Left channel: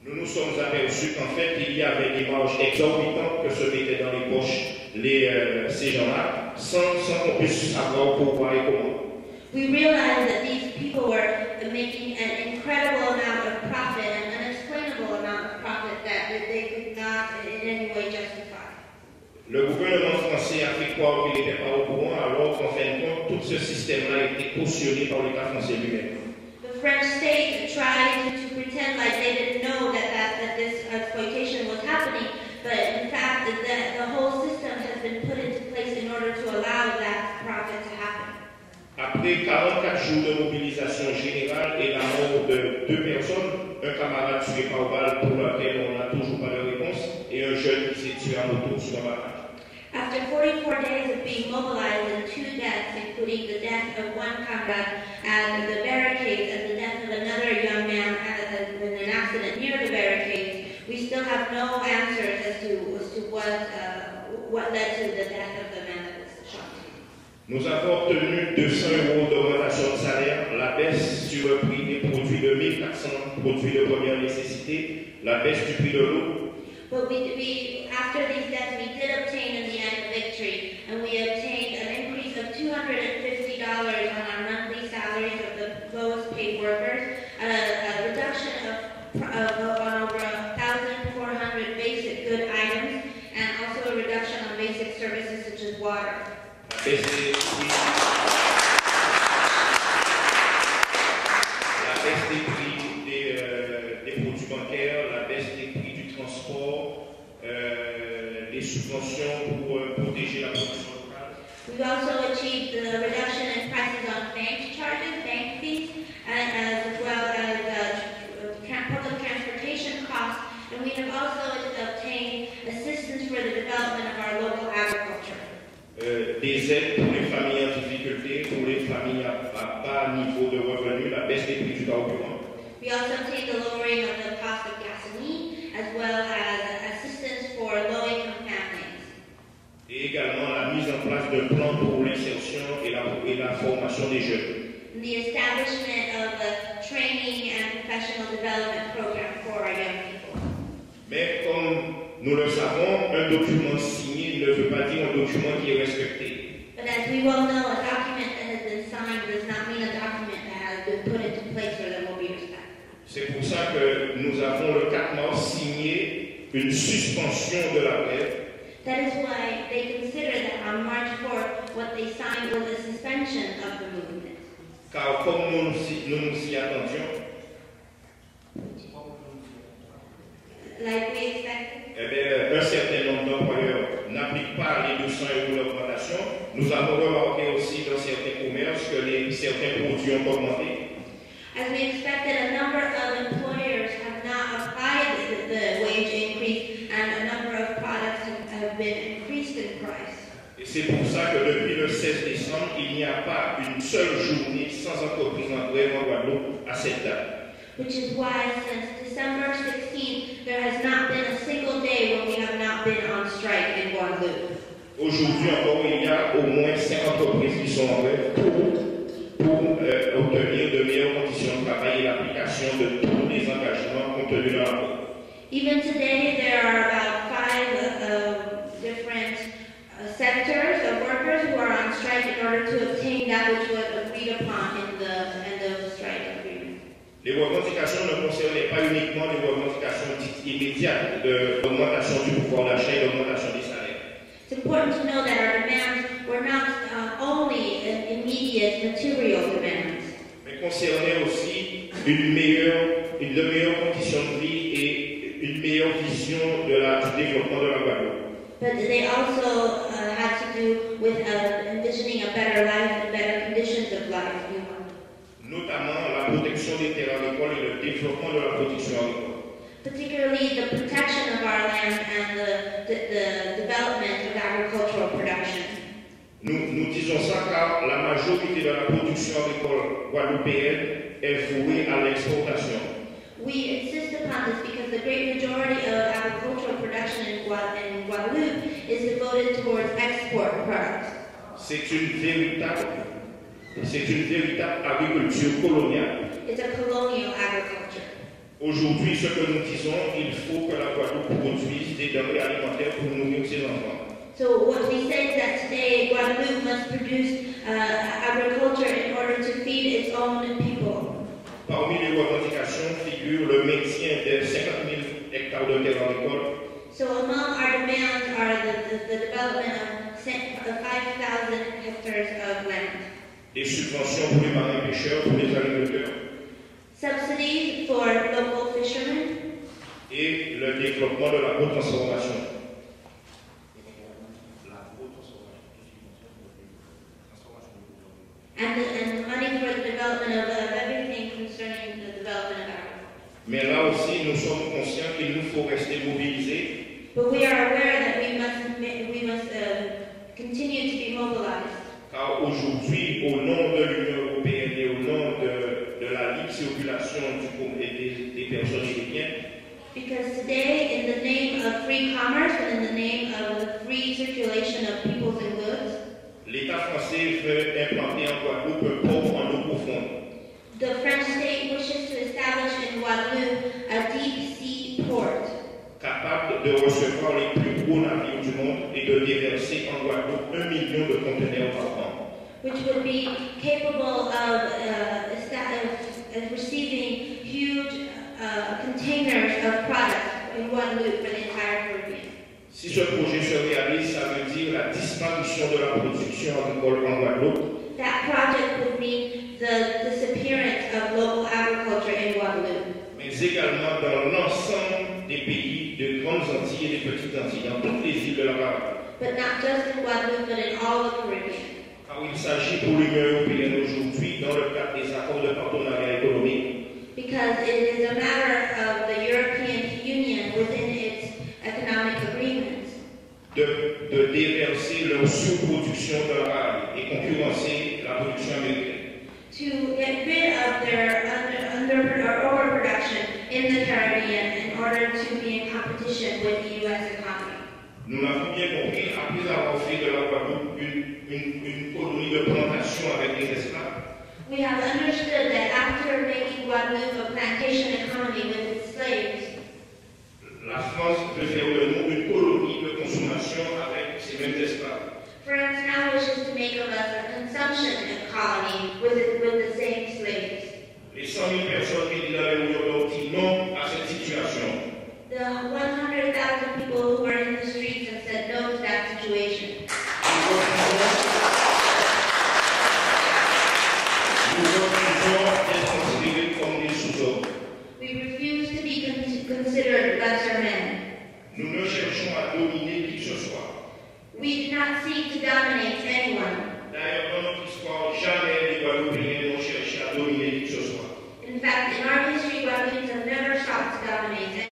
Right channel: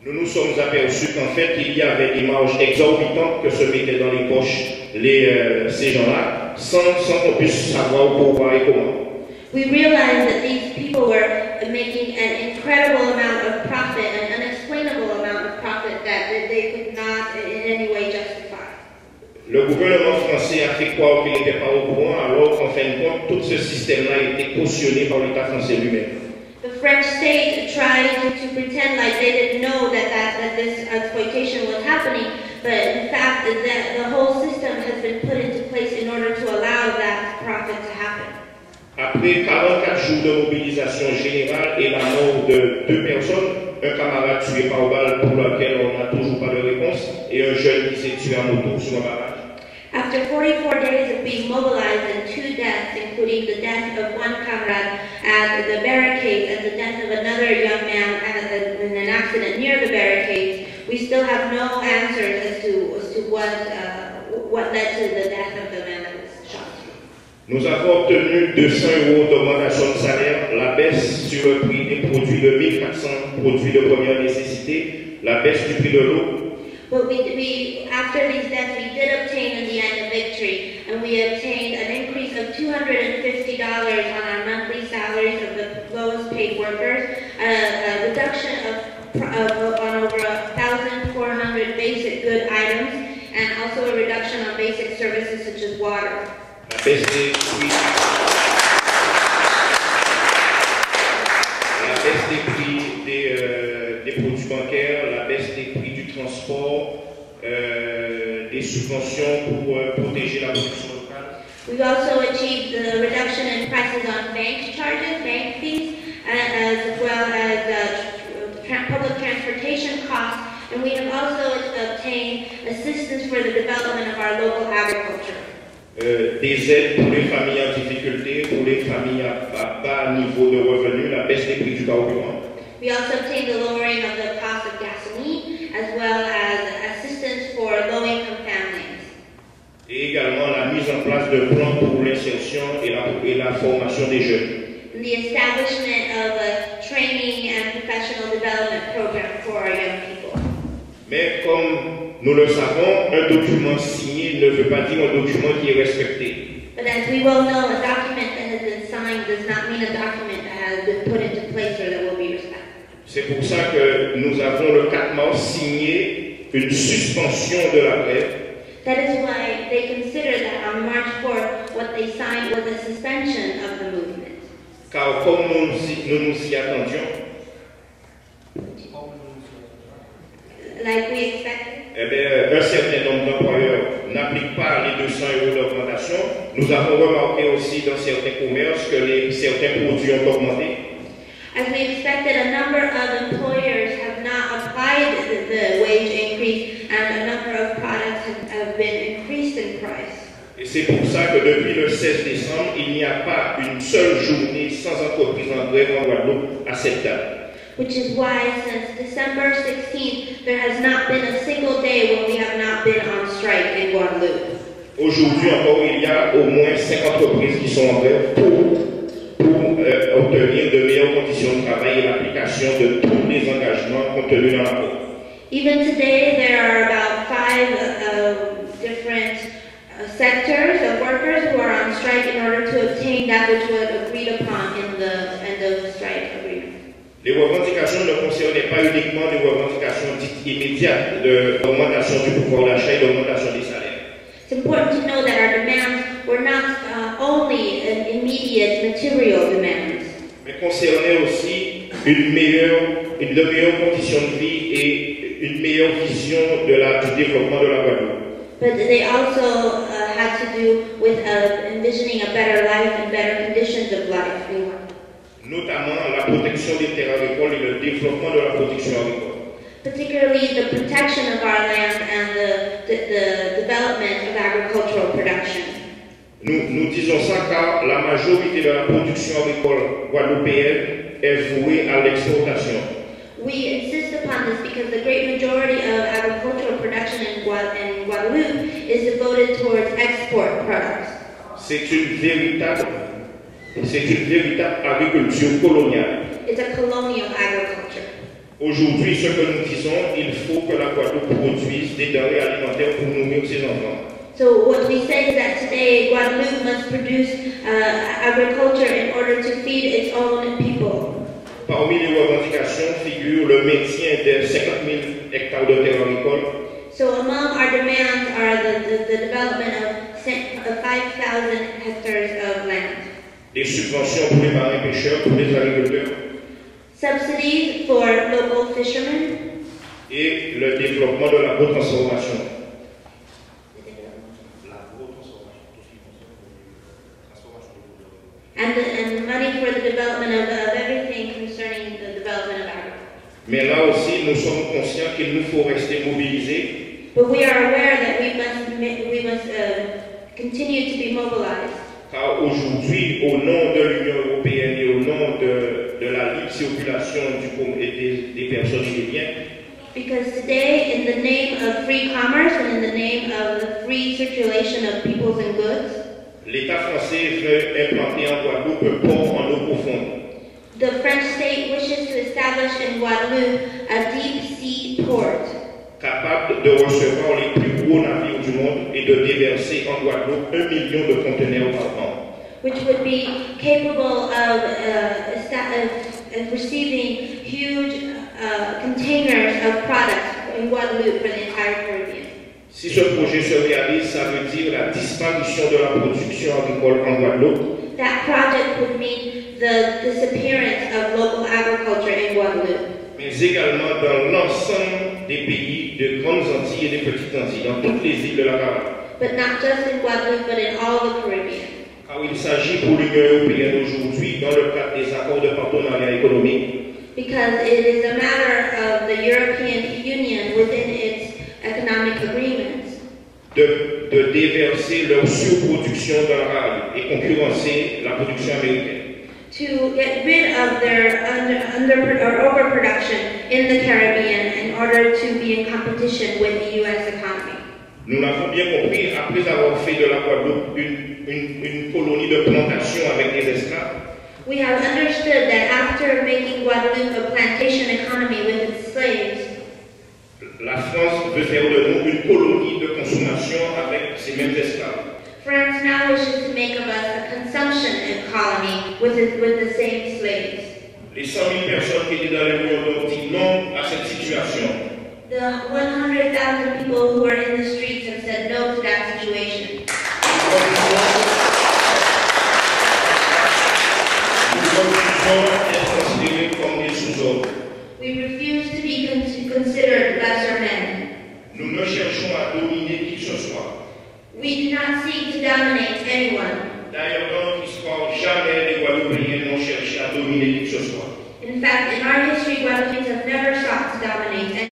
Nous nous sommes aperçus qu'en fait, il y avait des marges exorbitantes que se mettaient dans les poches ces gens-là, sans qu'on puisse savoir pourquoi et comment. We realized that these people were making an incredible amount of profit, an unexplainable amount of profit that they could not in any way justify. Le gouvernement français a fait croire qu'il n'était pas au courant, alors qu'en fin de compte, tout ce système-là a été cautionné par l'État français lui-même. The French state tried to pretend like they didn't know that this exploitation was happening, but in fact the whole system has been put into place in order to allow that profit to happen. Après 44 jours de mobilisation générale et la mort de 2 personnes, un camarade tué par balle pour lequel on n'a toujours pas de réponse, et un jeune qui s'est tué à moto sur un barrage. After 44 days of being mobilized and 2 deaths, including the death of one comrade at the barricades and the death of another young man in an accident near the barricades, we still have no answers as to what led to the death of the man that was shot. Nous avons obtenu 200 € d'augmentation de salaire, la baisse sur le prix des produits de 1400 produits de première nécessité, la baisse du prix de l'eau. But after these deaths, we did obtain in the end a victory, and we obtained an increase of $250 on our monthly salaries of the lowest paid workers, a reduction on over 1,400 basic good items, and also a reduction on basic services such as water. La baisse des prix, des produits bancaires, la baisse des prix du transport, des subventions pour protéger la production locale. We've also achieved the reduction in prices on bank charges, bank fees, as well as public transportation costs, and we have also obtained assistance for the development of our local agriculture. Des aides pour les familles en difficulté, pour les familles à bas niveau de revenus, la baisse des prix du carburant. We also obtained the lowering of the cost of gasoline, as well as assistance for low-income families. Et également la mise en place de plans pour l'insertion et la formation des jeunes. And the establishment of a training and professional development program for our young people. Mais comme nous le savons, un document signé ne veut pas dire un document qui est respecté. But as we well know, a document that has been signed does not mean a document that has been put into place or that will be respected. C'est pour ça que nous avons le 4 mars signé une suspension de la grève. That is why they consider that on March 4th, what they signed was a suspension of the movement. Car comme nous nous y attendions, like we expected, eh bien, un certain nombre d'employeurs n'appliquent pas les 200 € d'augmentation. Nous avons remarqué aussi dans certains commerces que certains produits ont augmenté. As we expected, a number of employers have not applied the wage increase, and a number of products have been increased in price. Et c'est pour ça que depuis le 16 décembre, il n'y a pas une seule journée sans entreprise en grève en Guadeloupe à cette date. Which is why since December 16th, there has not been a single day when we have not been on strike in Guadeloupe. Aujourd'hui encore, il y a au moins 5 entreprises qui sont en grève pour obtenir de meilleures conditions de travail et l'application de tous les engagements contenus dans l'accord. Even today, there are about 5 different sectors of workers who are on strike in order to obtain that which was agreed upon in the end of the strike agreement. Les revendications ne concernaient pas uniquement des revendications dites immédiates d'augmentation du pouvoir d'achat et d'augmentation des salaires. It's important to know that our demands were not only immediate material demands, mais concernaient aussi de meilleures conditions de vie et une meilleure vision du développement de la Guadeloupe. but they also had to do with envisioning a better life and better conditions of life in Guadeloupe. Notamment la protection des terres agricoles et le développement de la production agricole. Particularly the protection of our land and the development of agricultural production. Nous disons ça car la majorité de la production agricole guadeloupéenne est vouée à l'exportation. We insist upon this because the great majority of agricultural production in Guadeloupe is devoted towards export products. C'est une véritable agriculture coloniale. It's a colonial agriculture. Aujourd'hui, ce que nous disons, il faut que la Guadeloupe produise des denrées alimentaires pour nourrir ses enfants. So what we say is that today Guadeloupe must produce agriculture in order to feed its own people. Parmi les revendications figure le maintien de 50 000 hectares de terres agricoles, So among our demands are the development of 5,000 hectares of land. des subventions pour les marins pêcheurs, pour les agriculteurs, Subsidies for local fishermen. et le développement de l'agrotransformation. And money for the development of everything concerning the development of agriculture. Mais là aussi, nous sommes conscients qu'il nous faut rester mobilisés, But we are aware that we must continue to be mobilized. car aujourd'hui, au nom de l'Union européenne et au nom de la libre circulation des personnes et des biens, Because today, in the name of free commerce and in the name of the free circulation of peoples and goods, l'État français veut implanter en Guadeloupe un port en eau profonde. the French state wishes to establish in Guadeloupe a deep sea port Capable de recevoir les plus gros navires du monde et de déverser en Guadeloupe 1 million de conteneurs par an. which would be capable of receiving huge containers of products in Guadeloupe for the entire Caribbean. Si ce projet se réalise, ça veut dire la disparition de la production agricole en Guadeloupe, That project would mean the disappearance of local agriculture in Guadeloupe, mais également dans l'ensemble des pays de grandes Antilles et des petites Antilles, dans toutes les îles de la Caraïbe. but not just in Guadeloupe, but in all the Caribbean. Car il s'agit pour l'Union européenne aujourd'hui, dans le cadre des accords de partenariat économique, Because it is a matter of the European Union within its economic agreements de déverser leur surproduction dans la Caraïbe et concurrencer la production américaine. to get rid of their overproduction in the Caribbean in order to be in competition with the U.S. economy. Nous l'avons bien compris, après avoir fait de la Guadeloupe une colonie de plantation avec des esclaves, We have understood that after making Guadeloupe a plantation economy with its slaves, la France veut faire de nous une colonie de consommation avec ces mêmes esclaves. France now wishes to make of us a consumption colony with the same slaves. Les 100 000 personnes qui étaient dans les mouvements disent non à cette situation. The 100,000 people who are in the streets have said no to that situation. Nous refusons d'être considérés comme des sous-hommes. We refuse to be considered lesser men. Nous ne cherchons à dominer qui que ce soit. We do not seek to dominate anyone. D'ailleurs, dans notre histoire, jamais les Guadeloupéens n'ont cherché à dominer qui que ce soit. In fact, in our history